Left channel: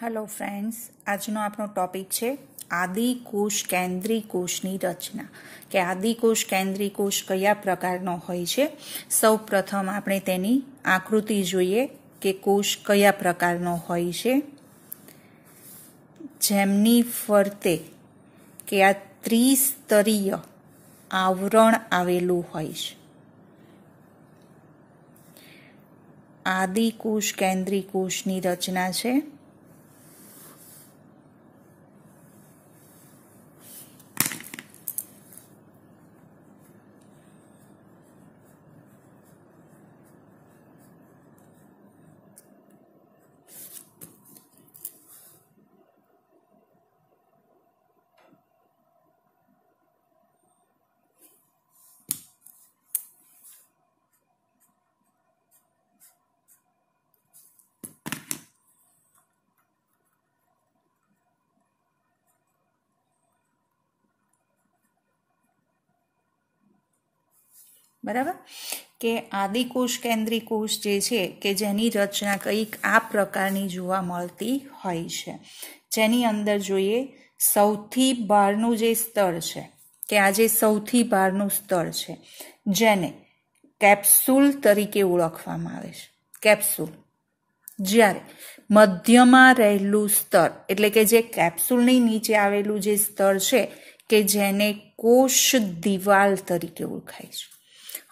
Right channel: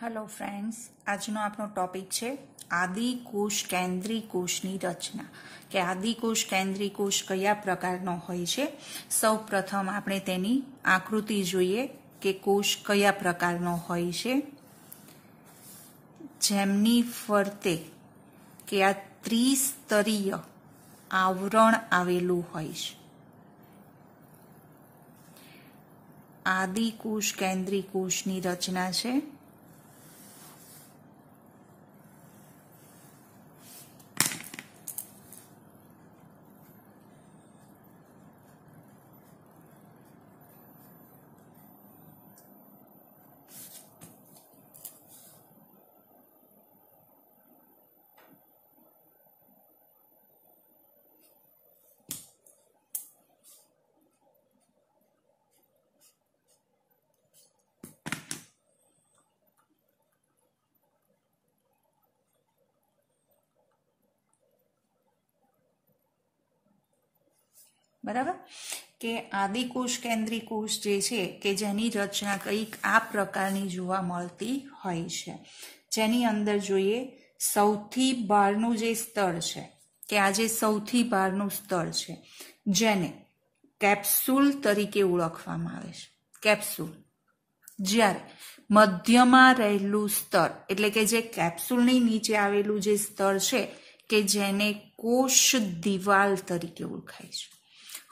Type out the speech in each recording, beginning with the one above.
Hello friends, આજનો આપણો topic છે આદિકોષ કેન્દ્રી કોષની રચના કે આદિકોષ કેન્દ્રી કોષ કયા પ્રકારનો હોય છે। સૌપ્રથમ આપણે તેની આકૃતિ જોઈએ કે કોષ કયા પ્રકારનો હોય છે, જેમની ફરતે કે આ ત્રિસ્તરીય આવરણ આવેલું હોય છે। આદિકોષ કેન્દ્રી કોષની રચના છે। बराबर के आदिकोष केंद्री कोष जे छे के जेनी रचना कंईक आ प्रकारनी जोवा मळती होय छे। जेनी अंदर जोईए सौथी बहारनुं जे स्तर छे के आ जे सौथी बहारनुं स्तर छे जेने केप्सूल तरीके ओळखवामां आवे छे। केप्सूल ज्यारे मध्यमां रहेલું स्तर એટલે કે જે કેપ્સ્યુલની નીચે આવેલું જે સ્તર છે કે જેને કોષ દિવાલ તરીકે ઓળખાય છે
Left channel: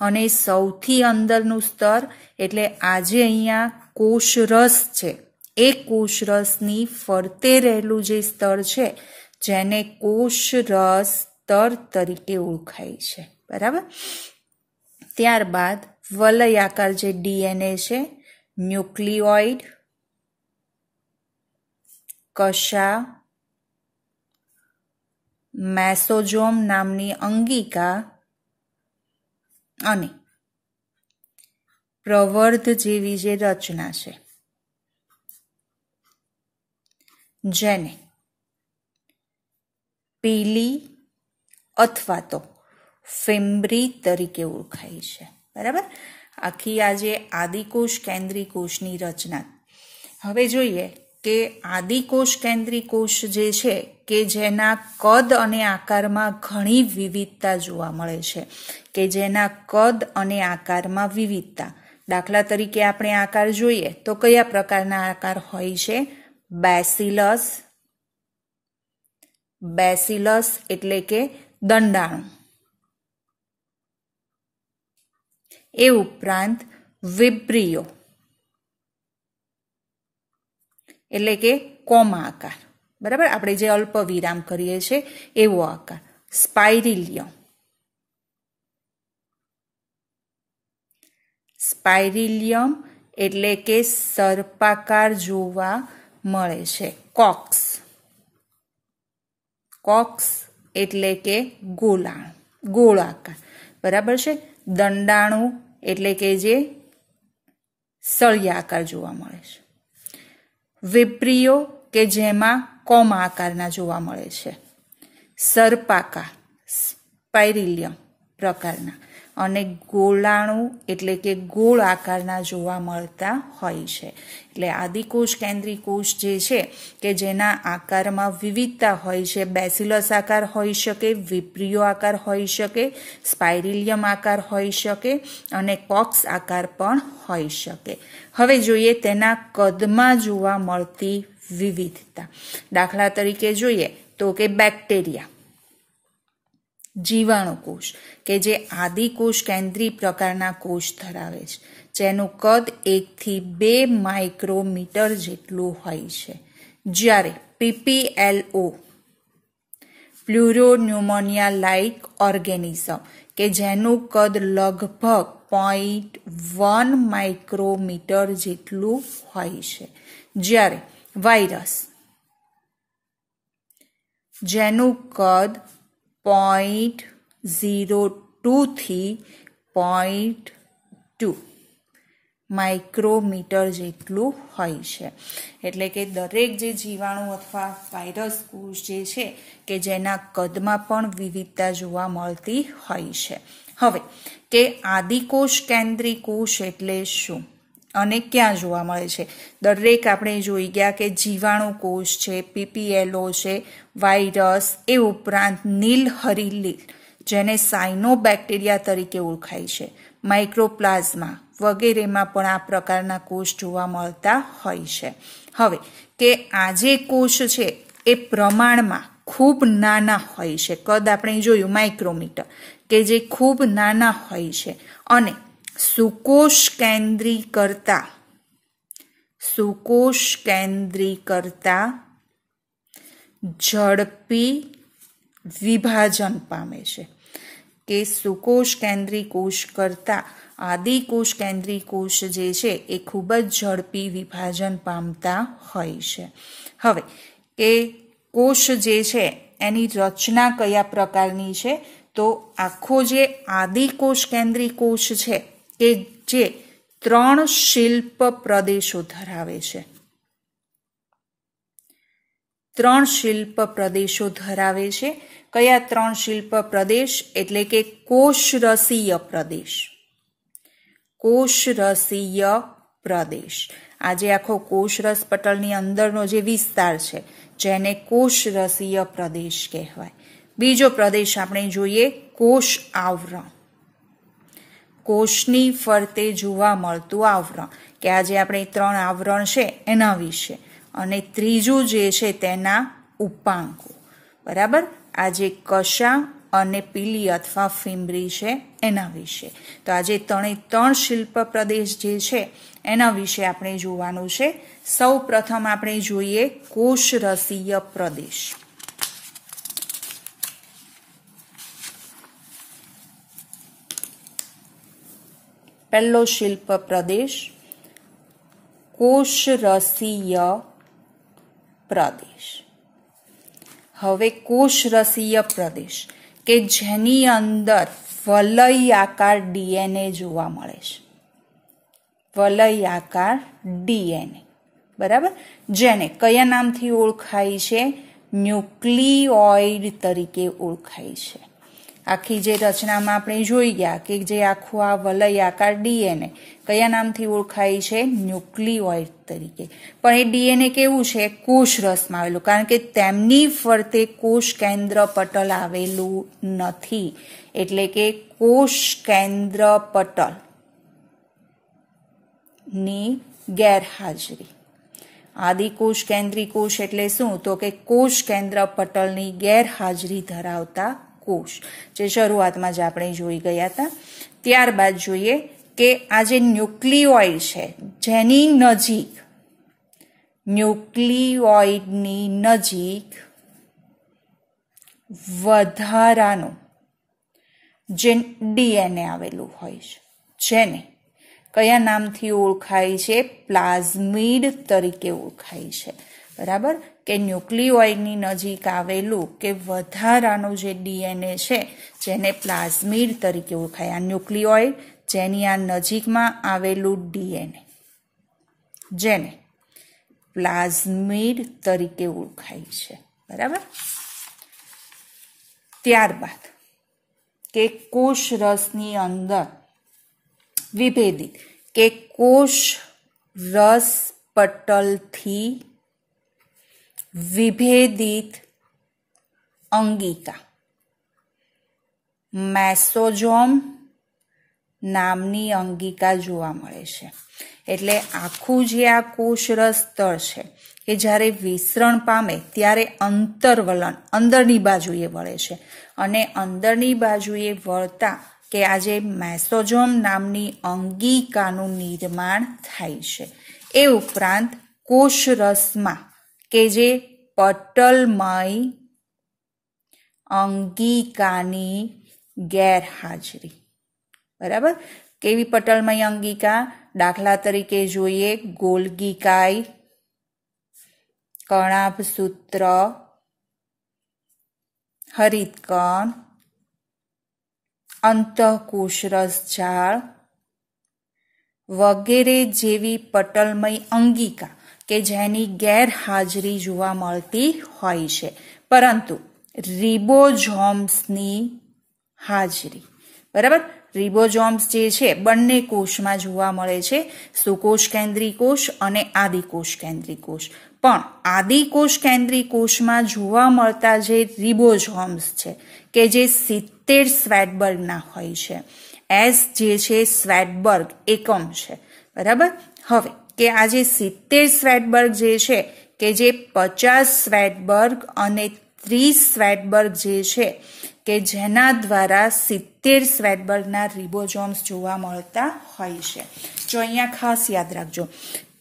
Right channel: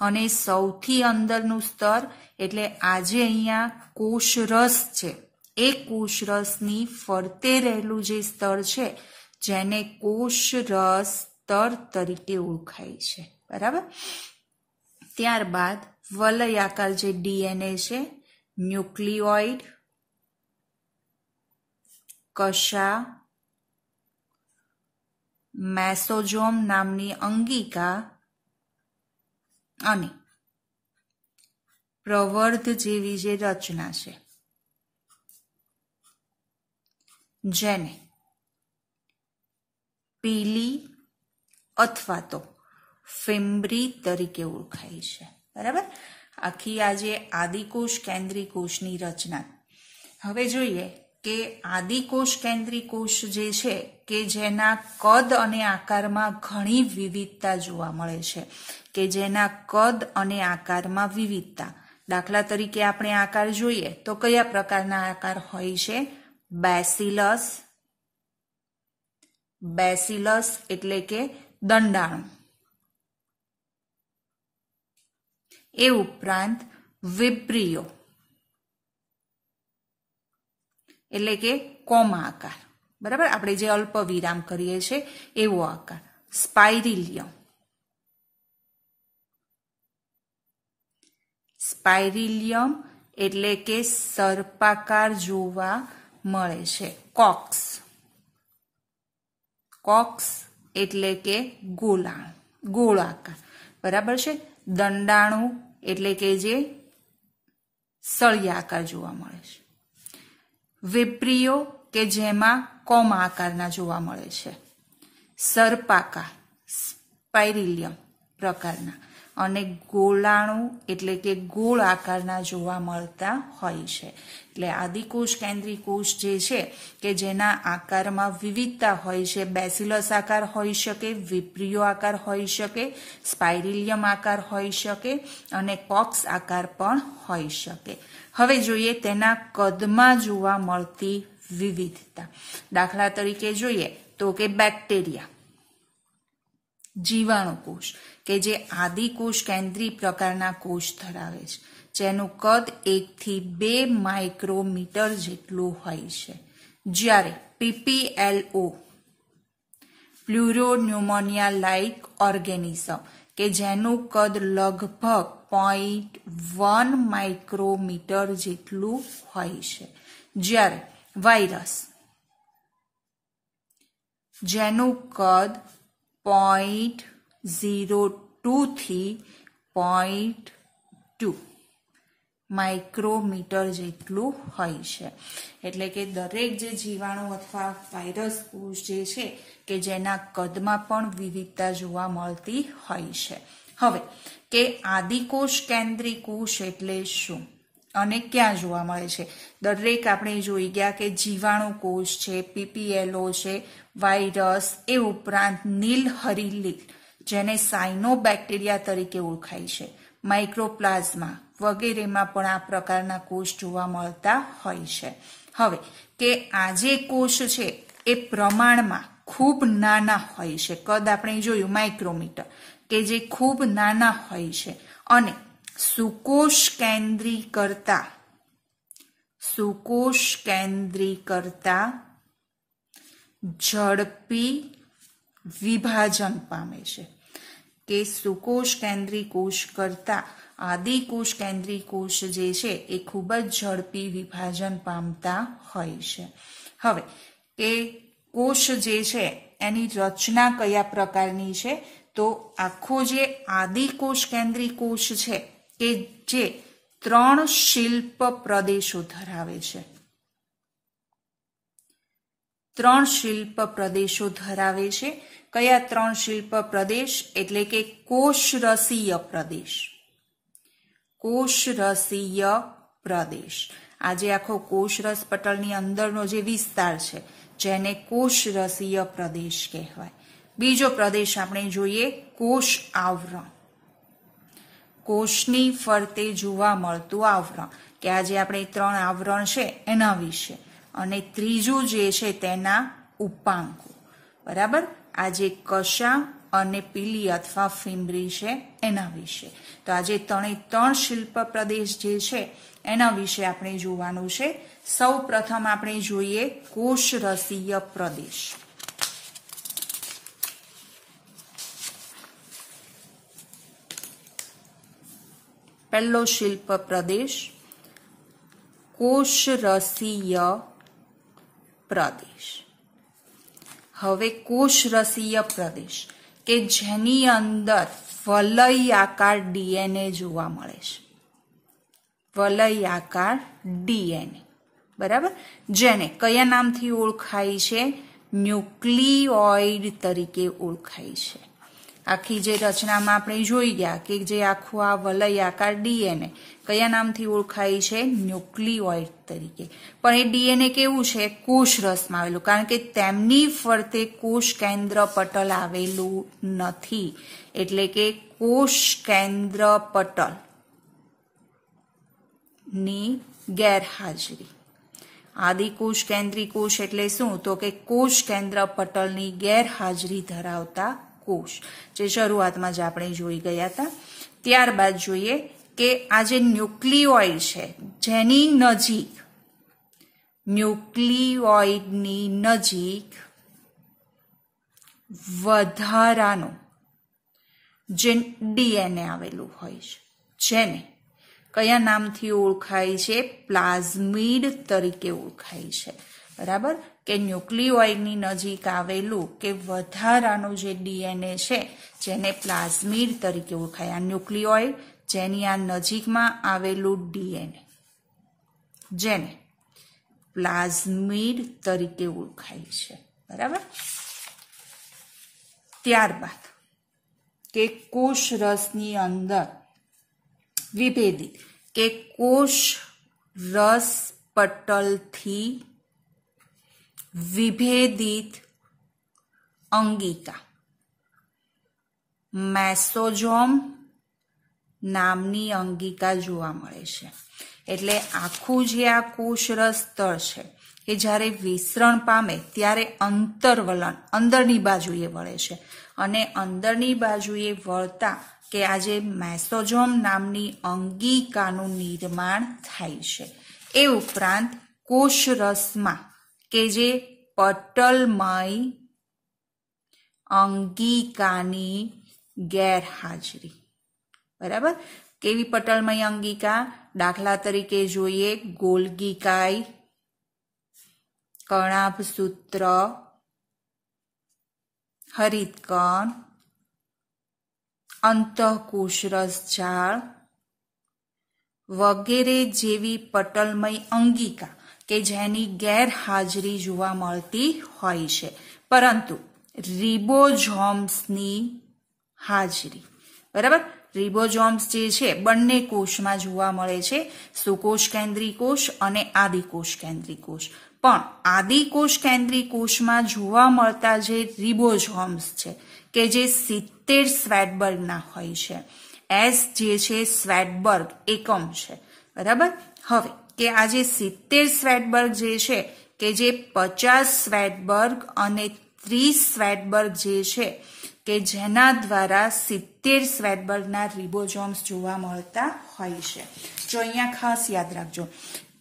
અને સૌથી અંદરનું સ્તર એટલે આજે અહીંયા કોષરસ છે એ કોષરસની ફરતે રહેલું જે સ્તર છે જેને કોષરસ સ્તર તરીકે ઓળખાય છે। બરાબર। ત્યારબાદ વલયાકાર જે ડીએનએ છે, ન્યુક્લિયોઇડ, કશા, મેસોજોમ નામની અંગિકા અને પ્રવર્ધ જેવી જે રચના છે જેને પીલી અથવા તો ફિમ્બ્રી તરીકે ઓળખાય છે। બરાબર। આખી આ જે આદિકોષ કેન્દ્રી કોષની રચના। હવે જોઈએ કે આદિકોષ કેન્દ્રી કોષ જે છે કે જેના કદ અને આકારમાં ઘણી વિવિધતા જોવા મળે છે કે જેના કદ અને આકારમાં વિવિધતા। દાખલા તરીકે આપણે આકાર જોઈએ તો કયા પ્રકારના આકાર હોય છે? બેસિલસ, બેસિલસ એટલે કે દંડાણુ। એ ઉપરાંત વિબ્રિયો એટલે કે કોમા આકાર। બરાબર। આપણે જે અલ્પ વિરામ કરીએ છીએ એવો આકાર। સ્પાઇરિલિયમ, સ્પાઇરિલિયમ એટલે કે સર્પાકાર જોવા મળે છે। કોક્સ, કોક્સ એટલે કે ગોળાણુ, ગોળાકાર। બરાબર છે। દંડાણુ એટલે કે જે સળિયા આકાર જોવા મળે છે। વિબ્રિયો કે જેમાં કોમા આકારના જોવા મળે છે। સર્પાકાર સ્પાઇરિલિયમ પ્રકારના અને ગોળાણુ એટલે કે ગોળ આકારના જોવા મળતા હોય છે। એટલે આદિકોષ કેન્દ્રી કોષ જે છે કે જેના આકારમાં વિવિધતા હોય છે। બેસિલસ આકાર હોઈ શકે, વિબ્રિયો આકાર હોઈ શકે, સ્પાઇરિલિયમ આકાર હોઈ શકે અને કોક્સ આકાર પણ હોઈ શકે। હવે જોઈએ તેના કદમાં જોવા મળતી વિવિધતા। દાખલા તરીકે જોઈએ તો કે બેક્ટેરિયા, જીવાણુકોષ કે જે આદિકોષ કેન્દ્રી પ્રકારના કોષ ધરાવે છે જેનું કદ 1 થી 2 માઇક્રોમીટર જેટલું હોય છે। જ્યારે પીપીએલઓ પ્લુરોન્યુમોનિયા લાઇક ઓર્ગેનિઝમ કે જેનું કદ લગભગ 0.1 માઇક્રોમીટર જેટલું હોય છે। જ્યારે વાયરસ જેનું કદ 0.02 થી 0.2 માઇક્રોમીટર જેટલું હોય છે। એટલે કે દરેક જે જીવાણુ અથવા વાયરસ કોષ જે છે કે જેના કદમાં પણ વિવિધતા જોવા મળતી હોય છે। હવે કે આદિકોષ કેન્દ્રી કોષ એટલે શું? અને ક્યાં જોવા મળે છે? દરેક આપણે જોઈ ગયા કે જીવાણુ કોષ છે, પીપીએલઓ છે, વાયરસ, એ ઉપરાંત નીલહરીલીલ જેને સાયનોબેક્ટેરિયા તરીકે ઓળખાય છે, માઇક્રોપ્લાઝમા વગેરેમાં પણ આ પ્રકારના કોષ જોવા મળતા હોય છે. હવે કે આ જે કોષ છે એ પ્રમાણમાં ખૂબ નાના હોય છે. કદ આપણે જોયું માઇક્રોમીટર, કે જે ખૂબ નાના હોય છે અને સુકોષ કેન્દ્રી કરતા ઝડપી વિભાજન પામે છે. કે સુકોષ કેન્દ્રી કોષ કરતા આદિકોષ કેન્દ્રી કોષ જે છે એ ખૂબ જ ઝડપી વિભાજન પામતા હોય છે. હવે એ કોષ જે છે એની રચના કયા પ્રકારની છે? તો આખો જે આદિકોષ કેન્દ્રી કોષ છે કે જે 3 શિલ્પ પ્રદેશો ધરાવે છે. 3 શિલ્પ પ્રદેશો ધરાવે છે. કયા 3 શિલ્પ પ્રદેશ? એટલે કે કોષરસીય પ્રદેશ. કોષરસીય પ્રદેશ. આજે આખો કોષરસ પટલની અંદરનો જે વિસ્તાર છે જેને કોષરસીય પ્રદેશ કહેવાય. બીજો પ્રદેશ આપણે જોઈએ કોષ આવરણ. કોષની ફરતે જોવા મળતું આવરણ, કે આજે આપણે 3 આવરણ છે એના વિશે. અને ત્રીજું જે છે તેના ઉપાંકો. બરાબર? આજે કશા અને પીલી અથવા ફીમરી છે એના વિશે. તો આજે 3 શિલ્પ પ્રદેશ જે છે એના વિશે આપણે જોવાનું છે. સૌ પ્રથમ આપણે જોઈએ કોષરસીય પ્રદેશ. પહેલો શિલ્પ પ્રદેશ કોષરસીય પ્રદેશ. હવે કોષરસીય પ્રદેશ કે જેની અંદર વલયાકાર ડીએનએ જોવા મળે છે. વલયાકાર ડીએનએ. બરાબર? જેને કયા નામથી ઓળખાય છે? ન્યુક્લિઓઇડ તરીકે ઓળખાય છે. આખી જે રચનામાં આપણે જોઈ ગયા કે જે આખું આ વલયાકાર ડીએનએ કયા નામથી ઓળખાય છે? ન્યુક્લિઓઇડ તરીકે. પણ એ ડીએનએ કેવું છે? કોષરસમાં આવેલું, કારણ કે તેમની ફરતે કોષ કેન્દ્ર પટલ આવેલું નથી. એટલે કે કોષ કેન્દ્ર પટલ ની ગેરહાજરી. આદિકોષ કેન્દ્રી કોષ એટલે શું? તો કે કોષ કેન્દ્ર પટલની ગેરહાજરી ધરાવતા કોષ, જે શરૂઆતમાં જ આપણે જોઈ ગયા હતા. ત્યારબાદ જોઈએ કે આ જે ન્યુક્લિઓઇડ છે જેની નજીક, ન્યુક્લિઓઇડની નજીક વધારાનું જે ડીએનએ આવેલું હોય છે, જેને કયા નામથી ઓળખાય છે? પ્લાઝમિડ તરીકે ઓળખાય છે. બરાબર? કે ન્યુક્લિઓઇડની નજીક આવેલું કે વધારાનું જે ડીએનએ છે જેને પ્લાઝમિડ તરીકે ઓળખાય. આ ન્યુક્લિઓઇડ જેની આ નજીકમાં આવેલું ડીએનએ જેને પ્લાઝમિડ તરીકે ઓળખાય છે. બરાબર? ત્યારબાદ કે કોષરસની અંદર વિભેદિત કે કોષ રસ પટલથી વિભેદિત અંગિકા, મેસોઝોમ નામની અંગિકા જોવા મળે છે. એટલે આખું જે આ કોષરસ તળ છે એ જ્યારે વિસ્તરણ પામે ત્યારે અંતરવલન અંદરની બાજુએ વળે છે. અને અંદરની બાજુએ વળતા કે આજે મેસોઝોમ નામની અંગિકાનું નિર્માણ થાય છે. એ ઉપરાંત કોષરસમાં કે જે પટલમય અંગિકાની ગેરહાજરી. બરાબર? કેવી પટલમય અંગિકા? દાખલા તરીકે જોઈએ ગોલ્ગીકાય, કણાભસૂત્ર, હરિતકણ, અંતઃકોષરસ જાળ વગેરે જેવી પટલમય અંગિકા કે જેની ગેરહાજરી જોવા મળતી હોય છે, પરંતુ રિબોઝોમ્સની હાજરી. બરાબર? રિબોઝોમ્સ જે છે બંને કોષમાં જોવા મળે છે, સુકોષ કેન્દ્રી કોષ અને આદિકોષ કેન્દ્રી કોષ. પણ આદિકોષ કેન્દ્રી કોષમાં જોવા મળતા જે રિબોઝોમ્સ છે કે જે 70 સ્વેટબર્ગના હોય છે. એસ જે છે સ્વેટબર્ગ એકમ છે, બરાબર. હવે કે આ જે 70 સ્વેટબર્ગ જે છે કે જે 50 સ્વેટબર્ગ અને 30 સ્વેટબર્ગ જે છે કે જેના દ્વારા 70 સ્વેટબર્ગના રિબોઝોમ્સ જોવા મળતા હોય છે. જો અહીંયા ખાસ યાદ રાખજો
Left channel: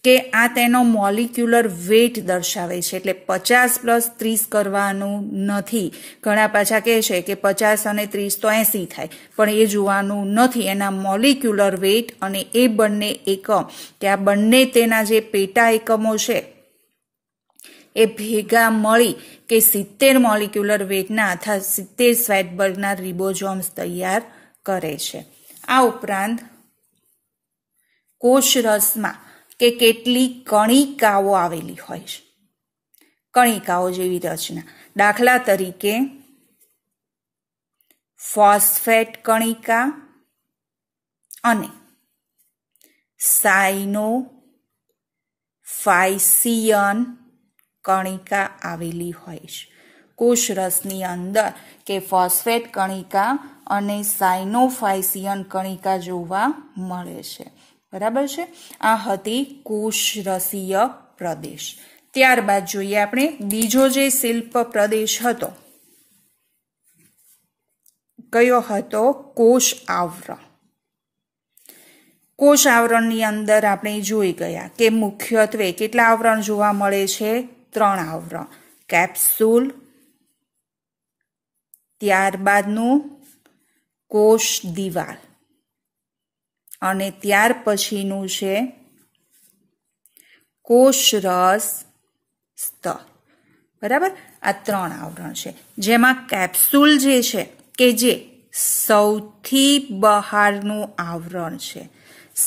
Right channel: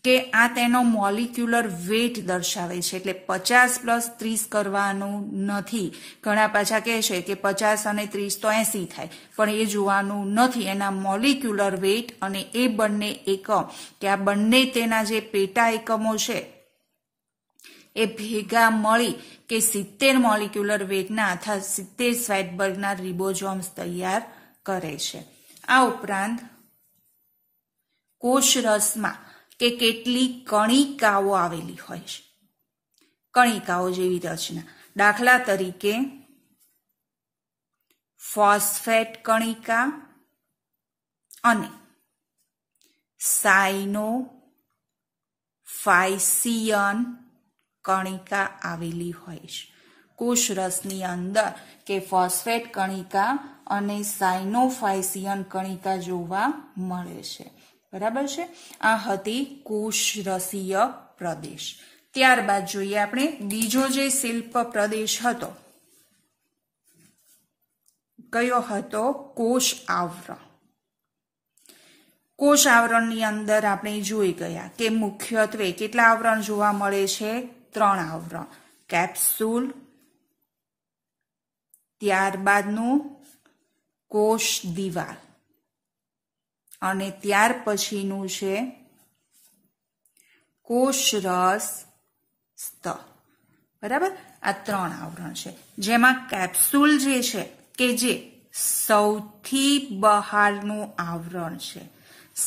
કે આ તેનો મોલિક્યુલર વેટ દર્શાવે છે, એટલે 50 + 30 કરવાનું નથી. ઘણા પાછા કહે છે કે 50 અને 30 તો 80 થાય, પણ એ જોવાનું નથી. એના મોલિક્યુલર વેટ અને એ બંને એકમ કે આ બંને તેના જે પેટા એકમો છે એ ભેગા મળી કે 70 મોલિક્યુલર વેટના અથવા 70 સ્વેટબર્ગના રિબોઝોમ્સ તૈયાર કરે છે. આ ઉપરાંત કોષરસમાં કે કેટલી કણિકાઓ આવેલી હોય છે, કણિકાઓ જેવી રચના. દાખલા તરીકે ફોસ્ફેટ કણિકા અને સાયનોફાયસિયન કણિકા આવેલી હોય છે. કોષરસની અંદર કે ફોસ્ફેટ કણિકા અને સાયનોફાયસિયન કણિકા જોવા મળે છે, બરાબર છે. આ હતી કોષરસીય પ્રદેશ. ત્યારબાદ જોઈએ આપણે બીજો જે શિલ્પ પ્રદેશ હતો, કયો હતો? કોષ આવરણ. કોષ આવરણની અંદર આપણે જોઈ ગયા કે મુખ્યત્વે કેટલા આવરણ જોવા મળે છે? 3 આવરણ. કેપ્સ્યુલ, ત્યારબાદનું કોષ દિવાલ અને ત્યાર પછીનું છે કોષરસ સ્તર, બરાબર. આ 3 આવરણ છે, જેમાં કેપ્સ્યુલ જે છે કે જે સૌથી બહારનું આવરણ છે,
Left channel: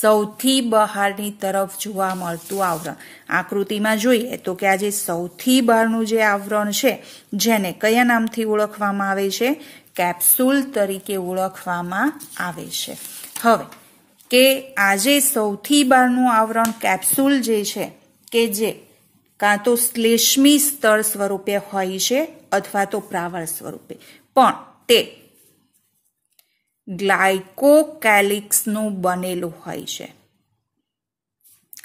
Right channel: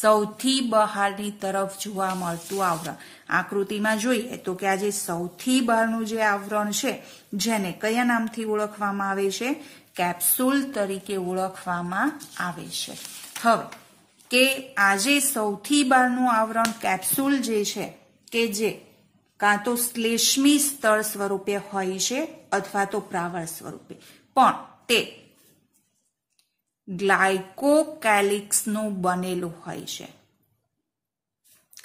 સૌથી બહારની તરફ જોવા મળતું આવરણ. આકૃતિમાં જોઈએ તો કે આ જે સૌથી બહારનું જે આવરણ છે જેને કયા નામથી ઓળખવામાં આવે છે? કેપ્સ્યુલ તરીકે ઓળખવામાં આવે છે. હવે કે આજે સૌથી બહારનું આવરણ કેપ્સ્યુલ જે છે કે જે કાં તો શ્લેષ્મી સ્તર સ્વરૂપે હોય છે અથવા તો પ્રાવર સ્વરૂપે, પણ તે ગ્લાયકોકેલિક્સનું બનેલું હોય છે.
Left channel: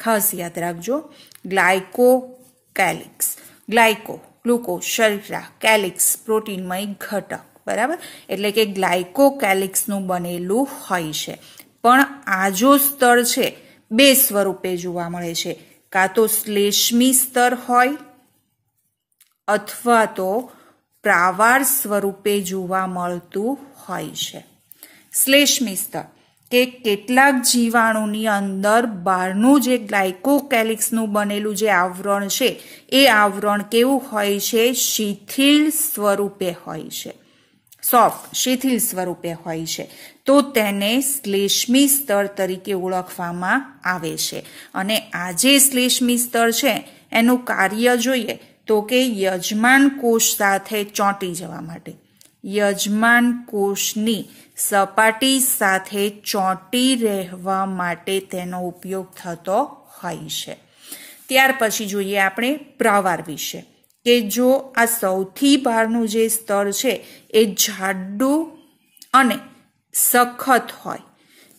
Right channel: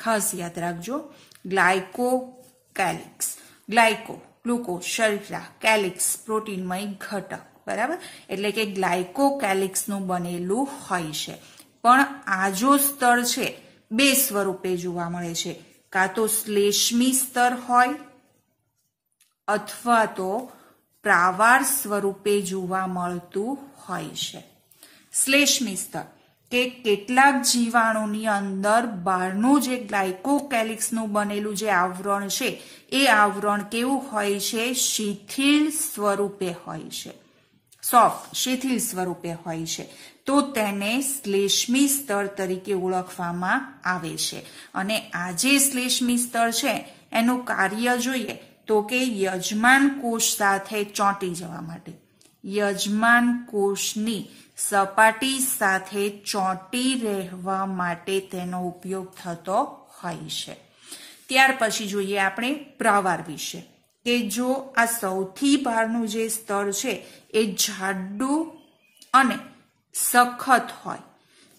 ખાસ યાદ રાખજો, ગ્લાયકોકેલિક્સ. ગ્લાયકો ગ્લુકોઝ શર્કરા, કેલિક્સ પ્રોટીનમય ઘટક, બરાબર. એટલે કે ગ્લાયકોકેલિક્સનું બનેલું હોય છે. પણ આ જો સ્તર છે 2 સ્વરૂપે જોવા મળે છે, કાં તો શ્લેષ્મી સ્તર હોય અથવા તો પ્રાવાર સ્વરૂપે જોવા મળતું હોય છે. શ્લેષ્મી સ્તર કે કેટલાક જીવાણુની અંદર બહારનું જે ગ્લાયકોકેલિક્સનું બનેલું જે આવરણ છે એ આવરણ કેવું હોય છે? શિથિલ સ્વરૂપે હોય છે, સોફ્ટ શિથિલ સ્વરૂપે હોય છે. તો તેને શ્લેષ્મી સ્તર તરીકે ઓળખવામાં આવે છે. અને આ જે શ્લેષ્મી સ્તર છે એનું કાર્ય જોઈએ તો કે યજમાન કોષ સાથે ચોંટી જવા માટે, યજમાન કોષની સપાટી સાથે ચોંટી રહેવા માટે તેનો ઉપયોગ થતો હોય છે. ત્યાર પછી જોઈએ આપણે પ્રાવાર વિશે, કે જો આ સૌથી બહારનું જે સ્તર છે એ જાડું અને સખત હોય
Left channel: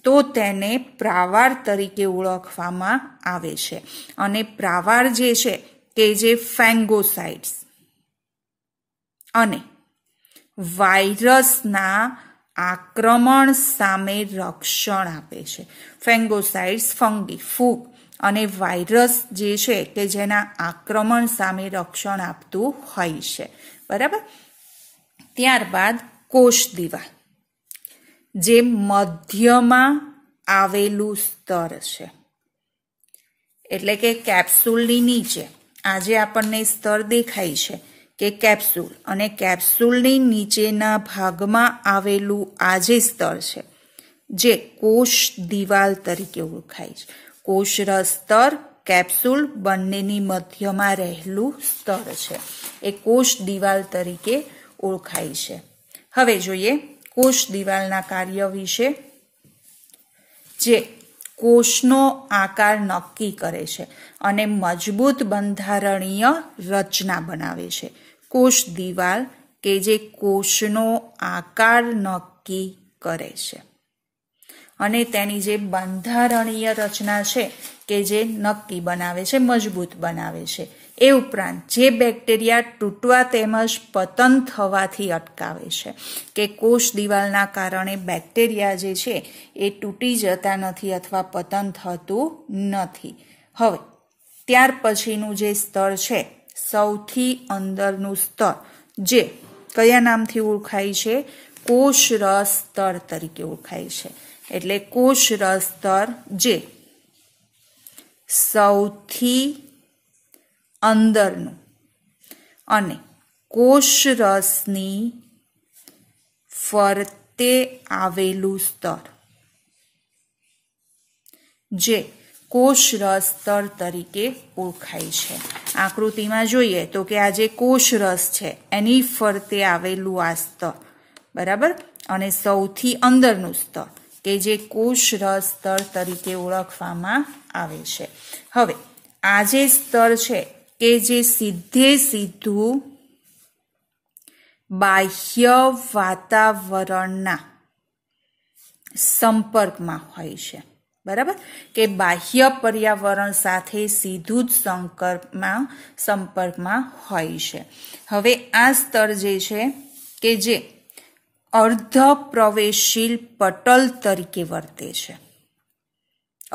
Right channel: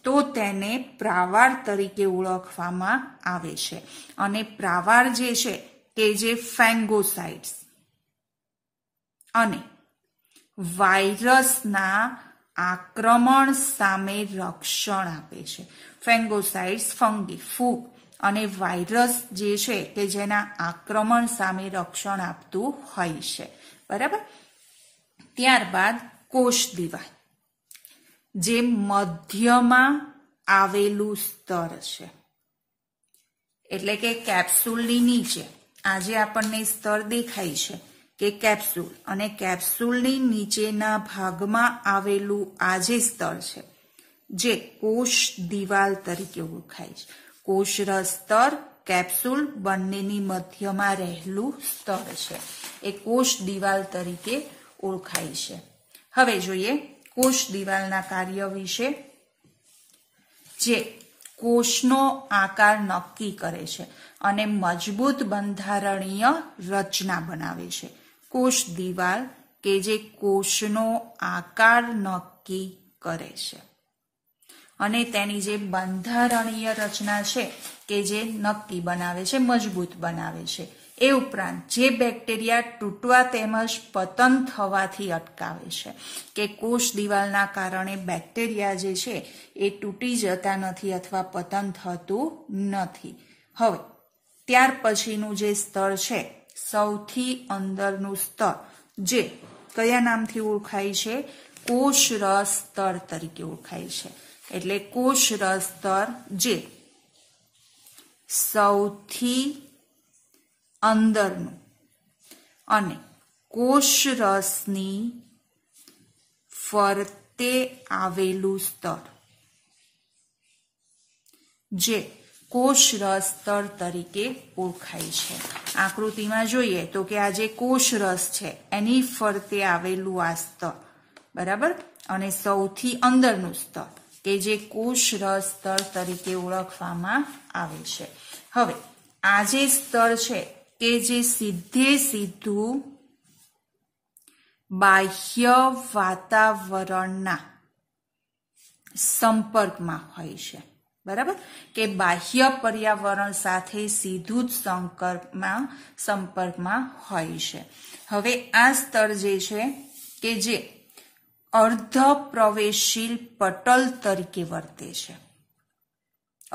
તો તેને પ્રાવાર તરીકે ઓળખવામાં આવે છે. અને પ્રાવાર જે છે કે જે ફેંગોસાઇટ્સ અને વાયરસના આક્રમણ સામે રક્ષણ આપે છે. ફેંગોસાઇટ્સ ફંગી ફૂગ અને વાયરસ જે છે કે જેના આક્રમણ સામે રક્ષણ આપતું હોય છે, બરાબર. ત્યારબાદ કોષ દિવાલ, જે મધ્યમાં આવેલું સ્તર છે. એટલે કે કેપ્સ્યુલની નીચે આજે આપણને સ્તર દેખાય છે કે કેપ્સ્યુલ, અને કેપ્સ્યુલની નીચેના ભાગમાં આવેલું આ જે સ્તર છે જે કોષ દિવાલ તરીકે ઓળખાય છે. કોષરસ સ્તર, કેપ્સ્યુલ બંનેની મધ્યમાં રહેલું સ્તર છે, એ કોષ દિવાલ તરીકે ઓળખાય છે. હવે જોઈએ કોષ દિવાલના કાર્ય વિશે. જે કોષનો આકાર નક્કી કરે છે અને મજબૂત બંધારણીય રચના બનાવે છે. કોષ દિવાલ કે જે કોષનો આકાર નક્કી કરે છે અને તેની જે બંધારણીય રચના છે કે જે નક્કી બનાવે છે, મજબૂત બનાવે છે. એ ઉપરાંત જે બેક્ટેરિયા તૂટવા તેમજ પતન થવાથી અટકાવે છે, કે કોષ દિવાલના કારણે બેક્ટેરિયા જે છે એ તૂટી જતા નથી અથવા પતન થતું નથી. હવે ત્યાર પછીનું જે સ્તર છે, સૌથી અંદરનું સ્તર, જે કયા નામથી ઓળખાય છે? કોષરસ સ્તર તરીકે ઓળખાય છે. એટલે કોષરસ સ્તર જે સૌથી અંદરનું અને કોષરસની ફરતે આવેલું સ્તર, જે કોષરસ સ્તર તરીકે ઓળખાય છે. આકૃતિમાં જોઈએ તો કે આ જે કોષરસ છે એની ફરતે આવેલું આ સ્તર, બરાબર, અને સૌથી અંદરનું સ્તર કે જે કોષરસ સ્તર તરીકે ઓળખવામાં આવે છે. હવે આ જે સ્તર છે કે જે સીધું બાહ્ય વાતાવરણના સંપર્કમાં હોય છે, બરાબર, કે બાહ્ય પર્યાવરણ સાથે સીધું જ સંપર્કમાં હોય છે. હવે આ સ્તર જે છે કે જે અર્ધ પ્રવેશશીલ પટલ તરીકે વર્તે છે.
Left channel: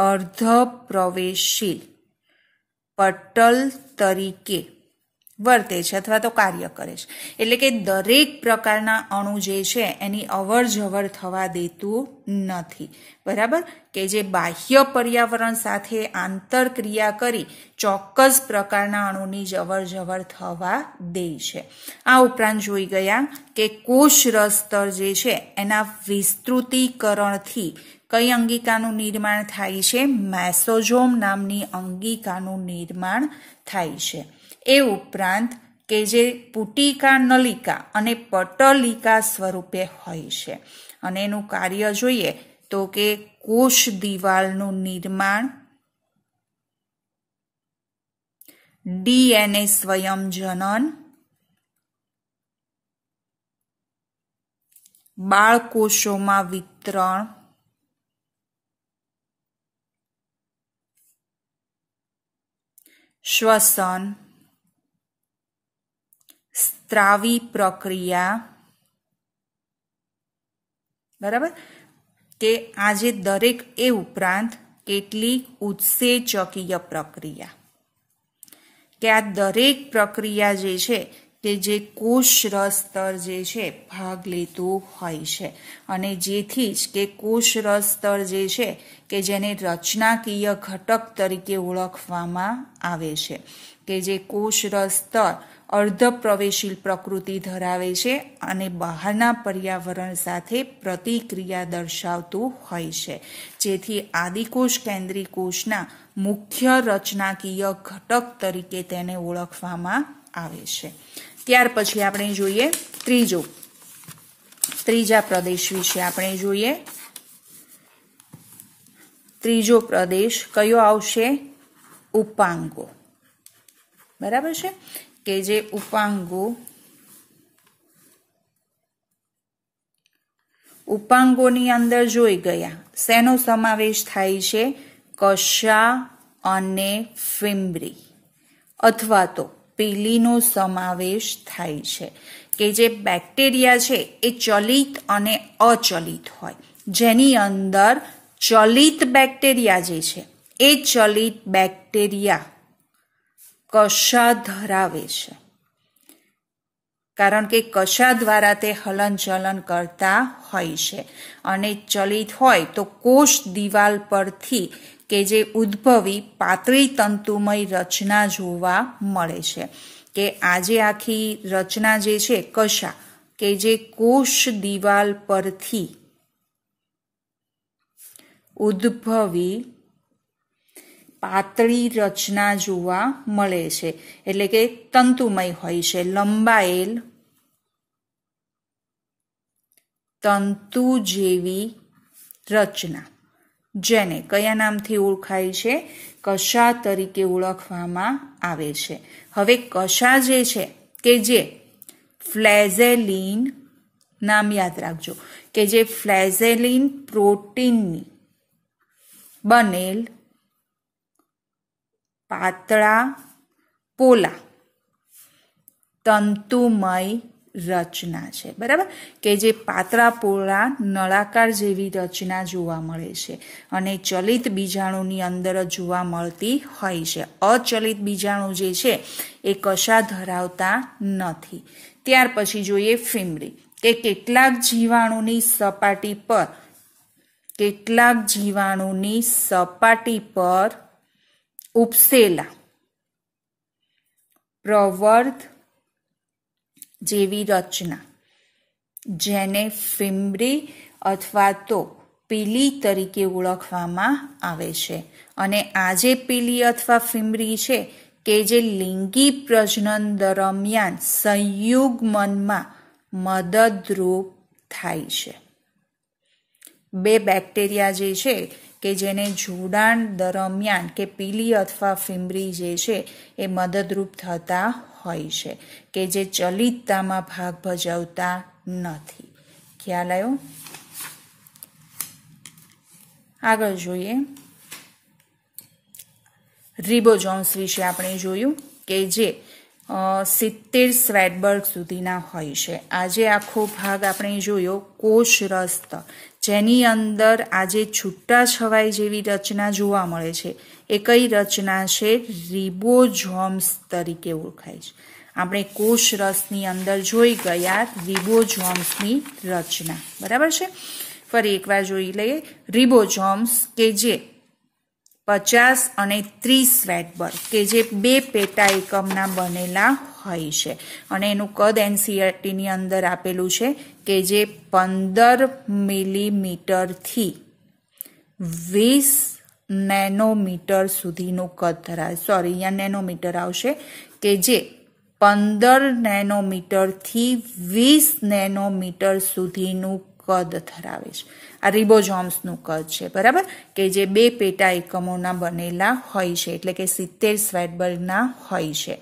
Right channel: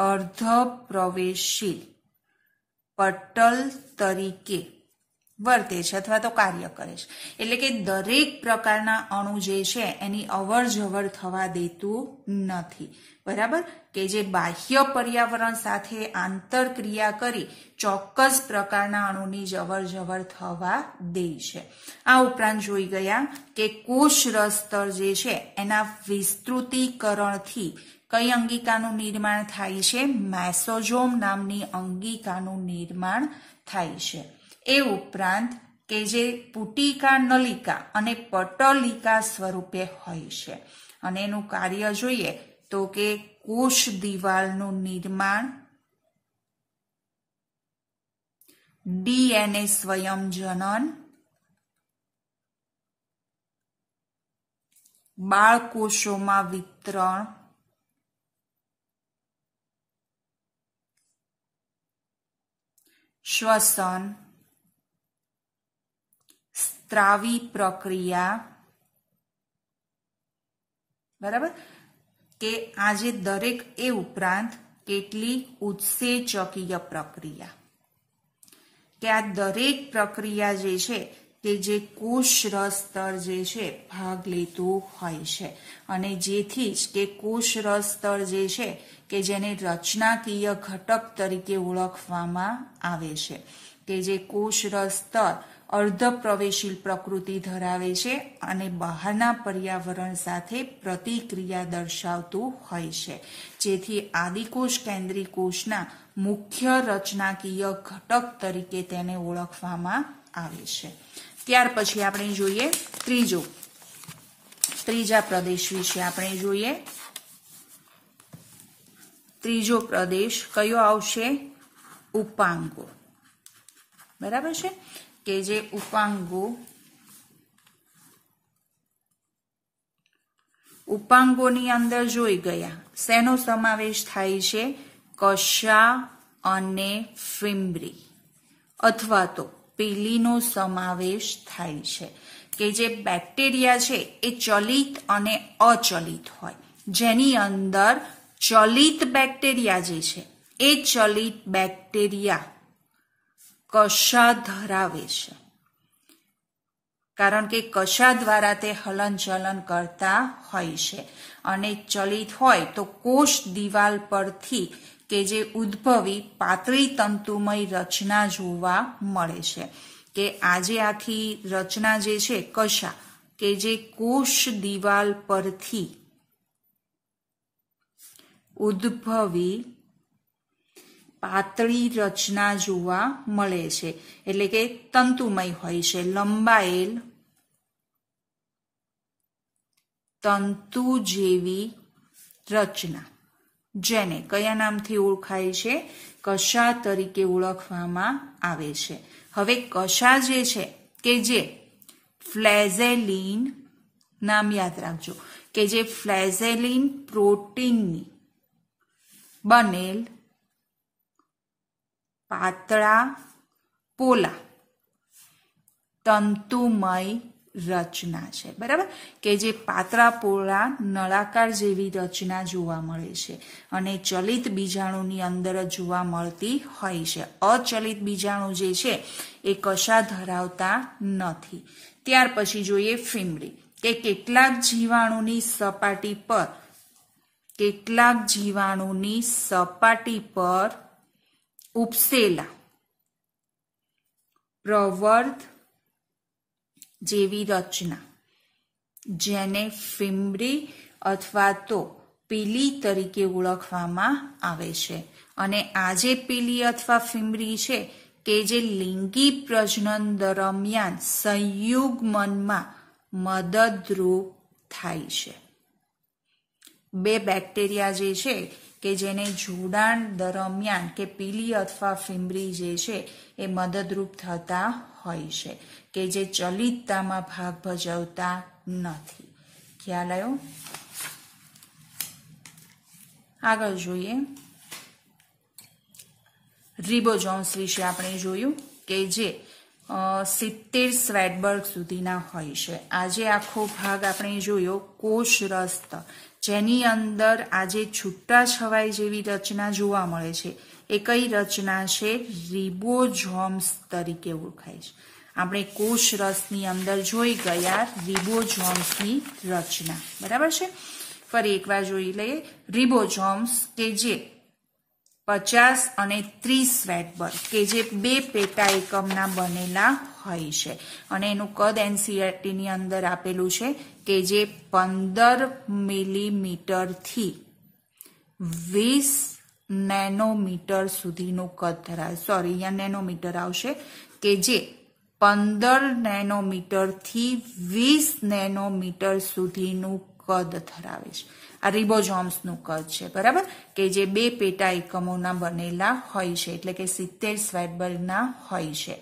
અર્ધ પ્રવેશશીલ પટલ તરીકે વર્તે છે અથવા તો કાર્ય કરે છે. એટલે કે દરેક પ્રકારના અણુ જે છે એની અવર જવર થવા દેતું નથી, બરાબર, કે જે બાહ્ય પર્યાવરણ સાથે આંતરક્રિયા કરી ચોક્કસ પ્રકારના અણુની અવર જવર થવા દે છે. આ ઉપરાંત જોઈ ગયા કે કોષરસ સ્તર જે છે એના વિસ્તૃતીકરણથી કઈ અંગિકાનું નિર્માણ થાય છે? મેસોઝોમ નામની અંગિકાનું નિર્માણ થાય છે. એ ઉપરાંત કે જે પુટિકા નલિકા અને પટલિકા સ્વરૂપે હોય છે અને એનું કાર્ય જોઈએ તો કે કોષ દિવાલનું નિર્માણ, ડીએનએ સ્વયંજનન, બાળકોષોમાં વિતરણ, શ્વસન, સ્ત્રાવી પ્રક્રિયા, બરાબર, કે આજે દરેક એ ઉપરાંત કેટલીક ઉત્સેચકીય પ્રક્રિયા, કે આ દરેક પ્રક્રિયા જે છે કે જે કોષરસ સ્તર જે છે ભાગ લેતું હોય છે અને જેથી જ કે કોષરસ સ્તર જે છે કે જેને રચનાકીય ઘટક તરીકે ઓળખવામાં આવે છે, કે જે કોષરસ સ્તર અર્ધ પ્રવેશીલ પ્રકૃતિ ધરાવે છે અને બહારના પર્યાવરણ સાથે પ્રતિક્રિયા દર્શાવતું હોય છે, જેથી આદિકોષ કેન્દ્રી કોષના મુખ્ય રચનાકીય ઘટક તરીકે તેને ઓળખવામાં આવે છે. ત્યાર પછી આપણે જોઈએ ત્રીજા પ્રદેશ વિશે આપણે જોઈએ. ત્રીજો પ્રદેશ કયો આવશે? ઉપાંગો, બરાબર છે, કે જે ઉપાંગોની અંદર જોઈ ગયા શેનો સમાવેશ થાય છે? કશા અને ફિમ્બ્રી અથવા તો પીલીનો સમાવેશ થાય છે, કે જે બેક્ટેરિયા છે એ ચલિત અને અચલિત હોય, જેની અંદર ચલિત બેક્ટેરિયા જે છે એ ચલિત બેક્ટેરિયા કશા ધરાવે છે, કારણ કે કશા દ્વારા તે હલનચલન કરતા હોય છે અને ચલિત હોય તો કોષ દિવાલ પરથી કે જે ઉદ્ભવી પાતળી તંતુમય રચના જોવા મળે છે, કે આજે આખી રચના જે છે કશા કે જે કોષ દિવાલ પરથી ઉદ્ભવી પાતળી રચના જોવા મળે છે, એટલે કે તંતુમય હોય છે, લંબાયેલ તંતુ જેવી રચના, જેને કયા નામથી ઓળખાય છે? કશા તરીકે ઓળખવામાં આવે છે. હવે કશા જે છે કે જે ફ્લેઝેલિન, નામ યાદ રાખજો કે જે ફ્લેઝેલિન પ્રોટીનની બનેલ પાતળા પોલા તંતુમય રચના છે. બરાબર, કે જે પાતળા પોલા નળાકાર જેવી રચના જોવા મળે છે અને ચલિત બીજાણુની અંદર જોવા મળતી હોય છે. અચલિત બીજાણુ જે છે એ કશા ધરાવતા નથી. ત્યાર પછી જોઈએ ફિમરી, કે કેટલાક જીવાણુની સપાટી પર ઉપસેલા પ્રવર્ધ જેવી રચના, જેને ફિમરી અથવા તો પીલી તરીકે ઓળખવામાં આવે છે. અને આ જે પીલી અથવા ફિમરી છે કે જે લિંગી પ્રજનન દરમિયાન સંયુગ્મનમાં મદદરૂપ થાય છે. બે બેક્ટેરિયા જે છે કે જેને જોડાણ દરમિયાન કે પીલી અથવા ફિમરી જે છે એ મદદરૂપ થતા હોય છે, કે જે ચલિતતામાં ભાગ ભજવતા નથી. ખ્યાલ આવ્યો? આગળ જોઈએ રિબોઝોમ્સ વિશે. આપણે જોયું કે જે 70 સ્વેડબર્ગ સુધીના હોય છે. આજે આખો ભાગ આપણે જોયો કોષરસ સ્તર, જેની અંદર આજે છૂટા છવાઈ જેવી રચના જોવા મળે છે. એ કઈ રચના છે? રિબોઝોમ્સ તરીકે ઓળખાય છે. આપણે કોષરસની અંદર જોઈ ગયા રિબોઝોમ્સની રચના. બરાબર છે? ફરી એકવાર જોઈ લઈએ. રિબોઝોમ્સ કે જે 50 અને 30 સ્વેડબર્ગ કે જે બે પેટા એકમના બનેલા હોય છે અને એનું કદ એનસીઈઆરટીની અંદર આપેલું છે કે જે 15 મિલીમીટરથી 20 નેનોમીટર સુધીનું કદ ધરાવે. સોરી, અહીંયા નેનોમીટર આવશે, કે જે 15 નેનોમીટરથી 20 નેનોમીટર સુધીનું કદ ધરાવે છે. આ રિબોઝોમ્સનું કદ છે. બરાબર, કે જે બે પેટા એકમોના બનેલા હોય છે, એટલે કે 70 સ્વેડબર્ગના હોય છે.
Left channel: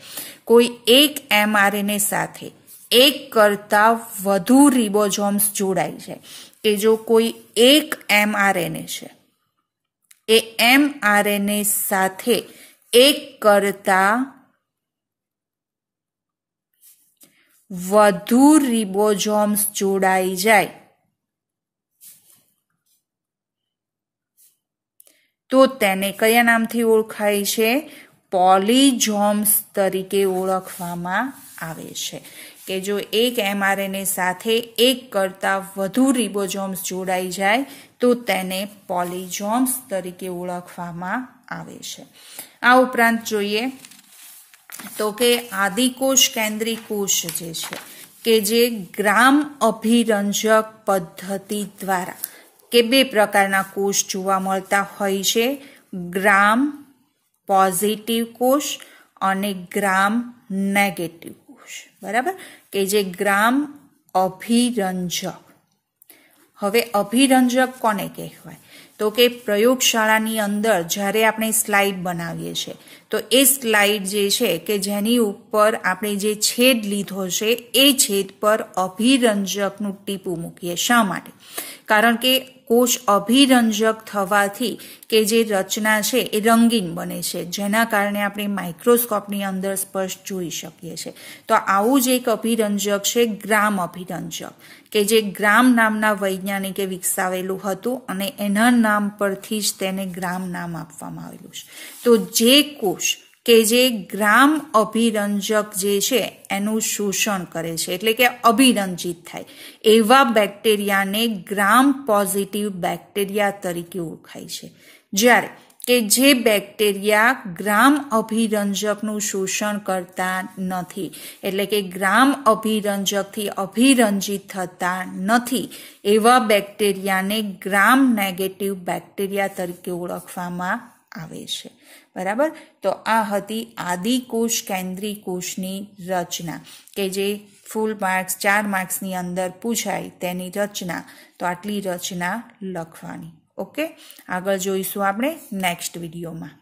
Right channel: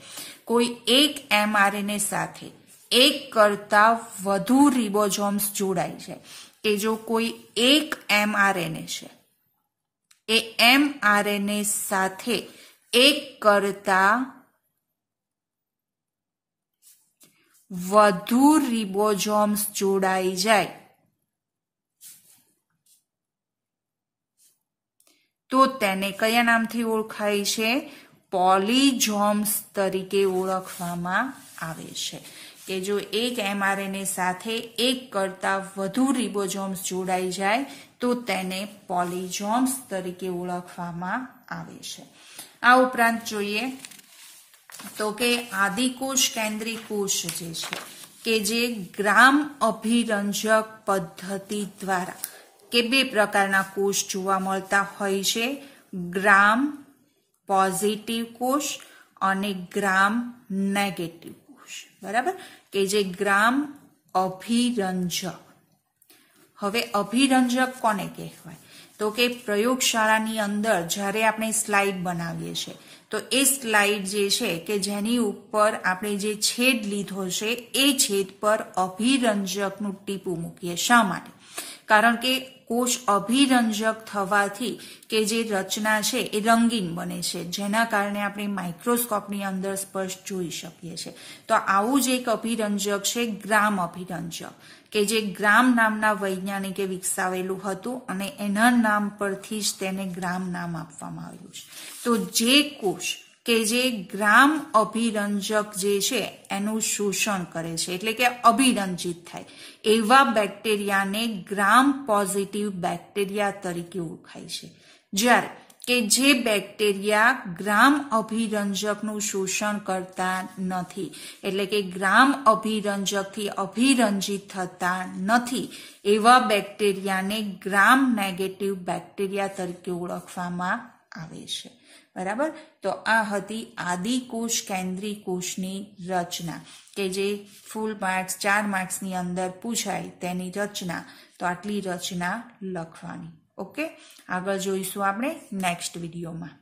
કોઈ એક એમઆરએનએ સાથે એક કરતા વધુ રિબોઝોમ્સ જોડાય છે, કે જો કોઈ એક એમઆરએનએ છે એ એમઆરએનએ સાથે એક કરતા વધુ રિબોઝોમ્સ જોડાઈ જાય તો તેને કયા નામથી ઓળખાય છે? પોલીઝોમ્સ તરીકે ઓળખવામાં આવે છે. કે જો એક એમઆરએનએ સાથે એક કરતા વધુ રિબોઝોમ્સ જોડાઈ જાય તો તેને પોલીઝોમ્સ તરીકે ઓળખવામાં આવે છે. આ ઉપરાંત જોઈએ તો કે આદિકોષ કેન્દ્રી કોષ જે છે કે જે ગ્રામ અભિરંજક પદ્ધતિ દ્વારા કે બે પ્રકારના કોષ જોવા મળતા હોય છે, ગ્રામ પોઝિટિવ કોષ અને ગ્રામ નેગેટિવ કોષ. બરાબર, કે જે ગ્રામ અભિરંજક. હવે અભિરંજક કોને કહેવાય? તો કે પ્રયોગશાળાની અંદર જ્યારે આપણે સ્લાઇડ બનાવીએ છીએ તો એ સ્લાઇડ જે છે કે જેની ઉપર આપણે જે છેદ લીધો છે એ છેદ પર અભિરંજકનું ટીપું મૂકીએ. શા માટે? કારણ કે કોષ અભિરંજક થવાથી કે જે રચના છે એ રંગીન બને છે, જેના કારણે આપણે માઇક્રોસ્કોપની અંદર સ્પષ્ટ જોઈ શકીએ છીએ. તો આવું જ એક અભિરંજક છે ગ્રામ અભિરંજક, કે જે ગ્રામ નામના વૈજ્ઞાનિકે વિકસાવેલું હતું અને એના નામ પરથી જ તેને ગ્રામ નામ આપવામાં આવેલું છે. તો જે કોષ કે જે ગ્રામ અભિરંજક જે છે એનું શોષણ કરે છે, એટલે કે અભિરંજિત થાય, એવા બેક્ટેરિયાને ગ્રામ પોઝિટિવ બેક્ટેરિયા તરીકે ઓળખાય છે. જ્યારે કે જે બેક્ટેરિયા ગ્રામ અભિરંજકનું શોષણ કરતા નથી, એટલે કે ગ્રામ અભિરંજકથી અભિરંજિત થતા નથી, એવા બેક્ટેરિયાને ગ્રામ નેગેટિવ બેક્ટેરિયા તરીકે ઓળખવામાં આવે છે. બરાબર, તો આ હતી આદિકોષ કેન્દ્રી કોષની રચના, કે જે ફૂલ માર્ક્સ 4 માર્ક્સની અંદર પૂછાય તેની રચના. તો આટલી રચના લખવાની. ઓકે, આગળ જોઈશું આપણે નેક્સ્ટ વિડીયોમાં.